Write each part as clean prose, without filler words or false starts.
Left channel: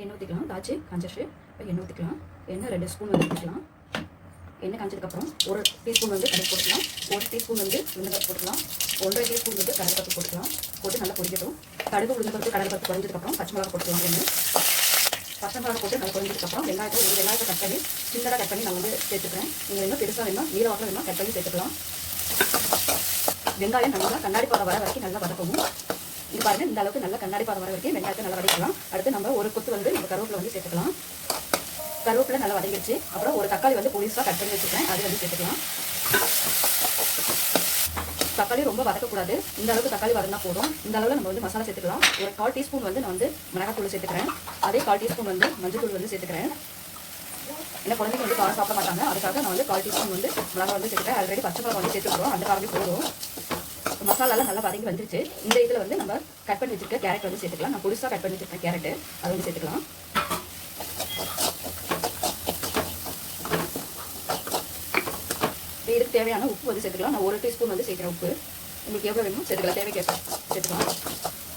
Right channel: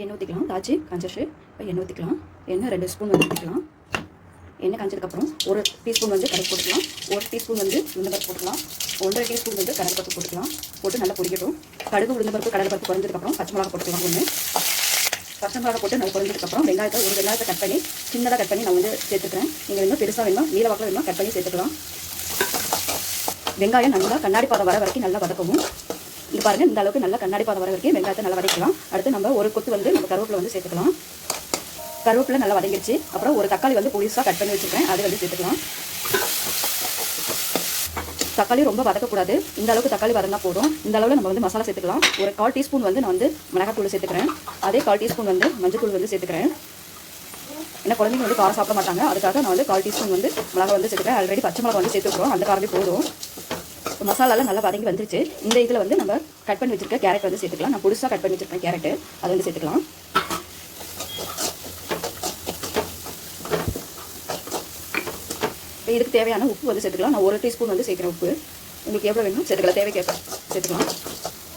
எண்ணெய் ஊற்றிக்கலாம். தாச்சி காஞ்சிச்சு. இப்போ எண்ணெய் ஊற்றிக்கலாம். எண்ணெய் 2 ஸ்பூன் வந்து ஊற்றிக்கலாம். எண்ணெய் காஞ்சதுக்கப்புறம் 1 டீஸ்பூன் வந்து கடுகு போட்டுக்கலாம். 1 டீஸ்பூன் வந்து உளுந்தம்பருப்பு போட்டுக்கலாம். 1.5 டீஸ்பூன் வந்து கடலைப்பருப்பு போட்டுக்கலாம். போட்டு நல்லா பொரிக்கட்டும். கடுகு உளுந்தம்பருப்பு கடலைப்பருப்பு பொரிஞ்சதுக்கப்புறம் பச்சை மிளகா போட்டுக்கலாம். பச்சை மிளகா போட்டு நல்லா பொரிஞ்சதுக்கப்புறம் ஒரு வெங்காயத்தை கட் பண்ணி சின்னதாக கட் பண்ணி நான் வந்து சேர்த்துக்கிறேன். நீங்கள் இன்னும் பெருசாக வேணும் நீல வாக்கில் வேணும் கட் பண்ணி சேர்த்துக்கலாம். வெங்காயம் நல்லா கண்ணாடி பாதை வர வரைக்கும் நல்லா வதக்கணும். இது பாருங்கள், இந்த அளவுக்கு நல்லா கண்ணாடி பாதை வர வரைக்கும் வெங்காயத்தை நல்லா வதக்கலாம். அடுத்து நம்ம ஒரு கொத்து வந்து நம்ம கருவேப்பிலை வந்து சேர்த்துக்கலாம். கருவேப்பிலை நல்லா வதங்கிடுச்சு. அப்புறம் ஒரு தக்காளி வந்து புதுசாக கட் பண்ணி வச்சுருக்கேன், அது வந்து சேர்த்துக்கலாம். தக்காளி ரொம்ப வதக்கக்கூடாது. இந்த அளவுக்கு தக்காளி வதங்கினா போதும். இந்த அளவில் நம்ம வந்து மசாலா சேர்த்துக்கலாம். ஒரு 1/4 டீஸ்பூன் வந்து நான் வந்து மிளகாத்தூள் சேர்த்துக்கிறேன். அதே 1/4 டீஸ்பூன் வந்து மஞ்சள் வந்து சேர்த்துக்கிறேன். ஏன்னா குழந்தைங்க வந்து காரம் சாப்பிட மாட்டாங்க, அதுக்காக நான் வந்து 1/4 டீஸ்பூன் வந்து மிளகா வந்து சேர்த்துக்கிறேன். ஆல்ரெடி பச்சை மிளகா வந்து சேர்த்துக்கிறோம், அந்த காரமே போதும். மசாலாலாம் நல்லா வதங்கி வந்துருச்சு. இந்த இதில் வந்து நம்ம கட் பண்ணி வச்சுருக்க கேரட் வந்து சேர்த்துக்கலாம். நான் புதுசாக கட் பண்ணி வச்சுருக்கேன் கேரட்டு, அது வந்து சேர்த்துக்கலாம். இதுக்கு தேவையான உப்பு வந்து சேர்த்துக்கலாம். நான் 1 டீஸ்பூன் வந்து சேர்க்குறேன். உப்பு உங்களுக்கு எவ்வளோ வேணும் சேர்த்துக்கலாம், தேவைக்கேற்ப சேர்த்துக்கலாம்.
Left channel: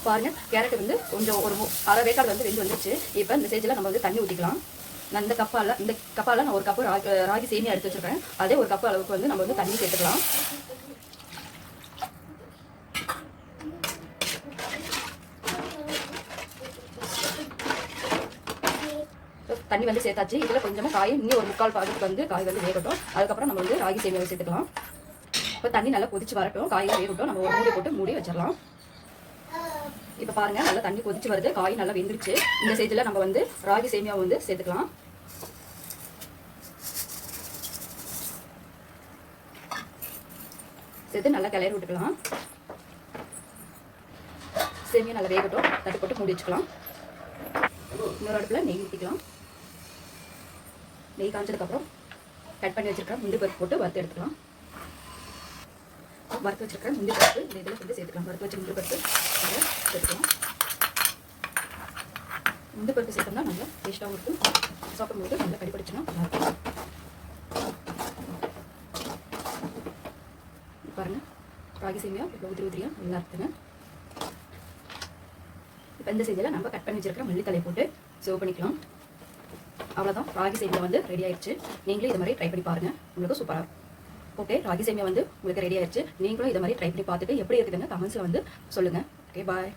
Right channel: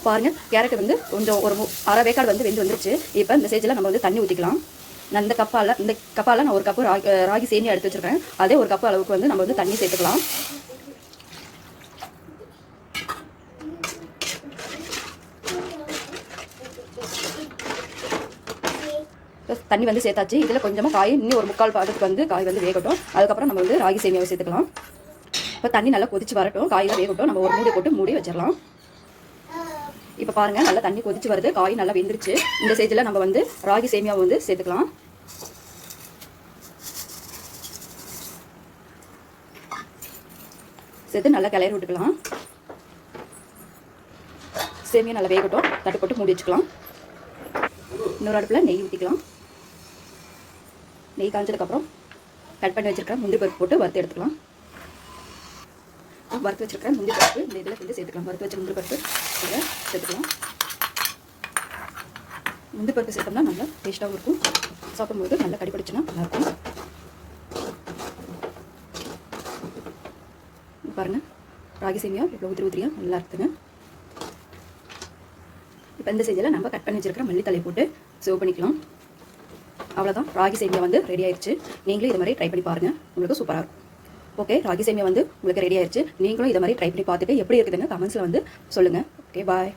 பாருங்கள், கேரட் வந்து கொஞ்சம் ஒரு அரை வேக்காடு வந்து வெந்து வந்துருச்சு. இப்போ இந்த ஸ்டேஜில் நம்ம வந்து தண்ணி ஊற்றிக்கலாம். நான் இந்த கப்பால் நான் 1 கப்பு ராகி சேமியா எடுத்து வச்சுருக்கேன். அதே 1 கப்பு அளவுக்கு வந்து நம்ம வந்து தண்ணி சேர்த்துக்கலாம். தண்ணி வந்து சேர்த்தாச்சு. இதில் கொஞ்சமாக காய் இன்னும் ஒரு 3/4 பாகத்துக்கு வந்து காய் வந்து வேகட்டும். அதுக்கப்புறம் நம்ம வந்து ராகி சேமியாவை சேர்த்துக்கலாம். இப்போ தண்ணி நல்லா கொதிச்சு வரட்டும், காயெல்லாம் வேகட்டும். நம்ம ஒரு மூடி போட்டு மூடி வச்சிடலாம். இப்போ பாருங்கள், நல்லா தண்ணி கொதிச்சு வருது, காய் நல்லா வெந்துருச்சு. இந்த ஸ்டேஜில் நம்ம வந்து ராகி சேமியாவை வந்து சேர்த்துக்கலாம். சேர்த்து நல்லா கிளறி விட்டுக்கலாம். சேமியா நல்லா வேகட்டும், தட்டு போட்டு மூடி வச்சுக்கலாம். இன்னொரு அடுப்பில் நெய் ஊற்றிக்கலாம். நெய் காஞ்சதுக்கப்புறம் கட் பண்ணி வச்சுருக்கேன் முந்திரி பருப்பு போட்டு வறுத்து எடுத்துக்கலாம். வறுத்து வச்சுருக்கேன் முந்திரி பருப்பு இந்த இதில் வந்து சேர்த்துக்கலாம். வறுத்து வச்ச முந்திரி பருப்பு சேர்த்துக்கலாம். முந்திரி பருப்பு சேர்த்தோம்னா நல்லா டேஸ்ட்டாகவும் இருக்கும். சாப்பிடும்போது நல்லா கடிப்பிடிச்சுன்னா நல்லாயிருக்கும். பாருங்கள், ராகி சேமியா இவ்வளோ உதிரியாக நல்லா இருக்குதுங்க. இப்போ இந்த ஸ்டேஜில் நம்ம கட் பண்ணி வச்சுருக்கிற மல்லித்தலை போட்டு சர்வ் பண்ணிக்கலாம். அவ்வளோதான், ராகி சேமியா வந்து ரெடி ஆயிடுச்சு. நீங்களும் இது மாதிரி ட்ரை பண்ணி பாருங்கள், உங்களுக்கு சூப்பராக இருக்கும். ஓகே, ராகி சேமியா வந்து உங்களுக்கு ரெடி ஆயிடுச்சு. நீங்களும் இதை மாதிரி ட்ரை பண்ணி பார்த்துட்டு எப்படி இருக்குதுன்னு கமெண்ட்ஸில் வந்து சொல்லுங்கள். ஓகே, பாய்.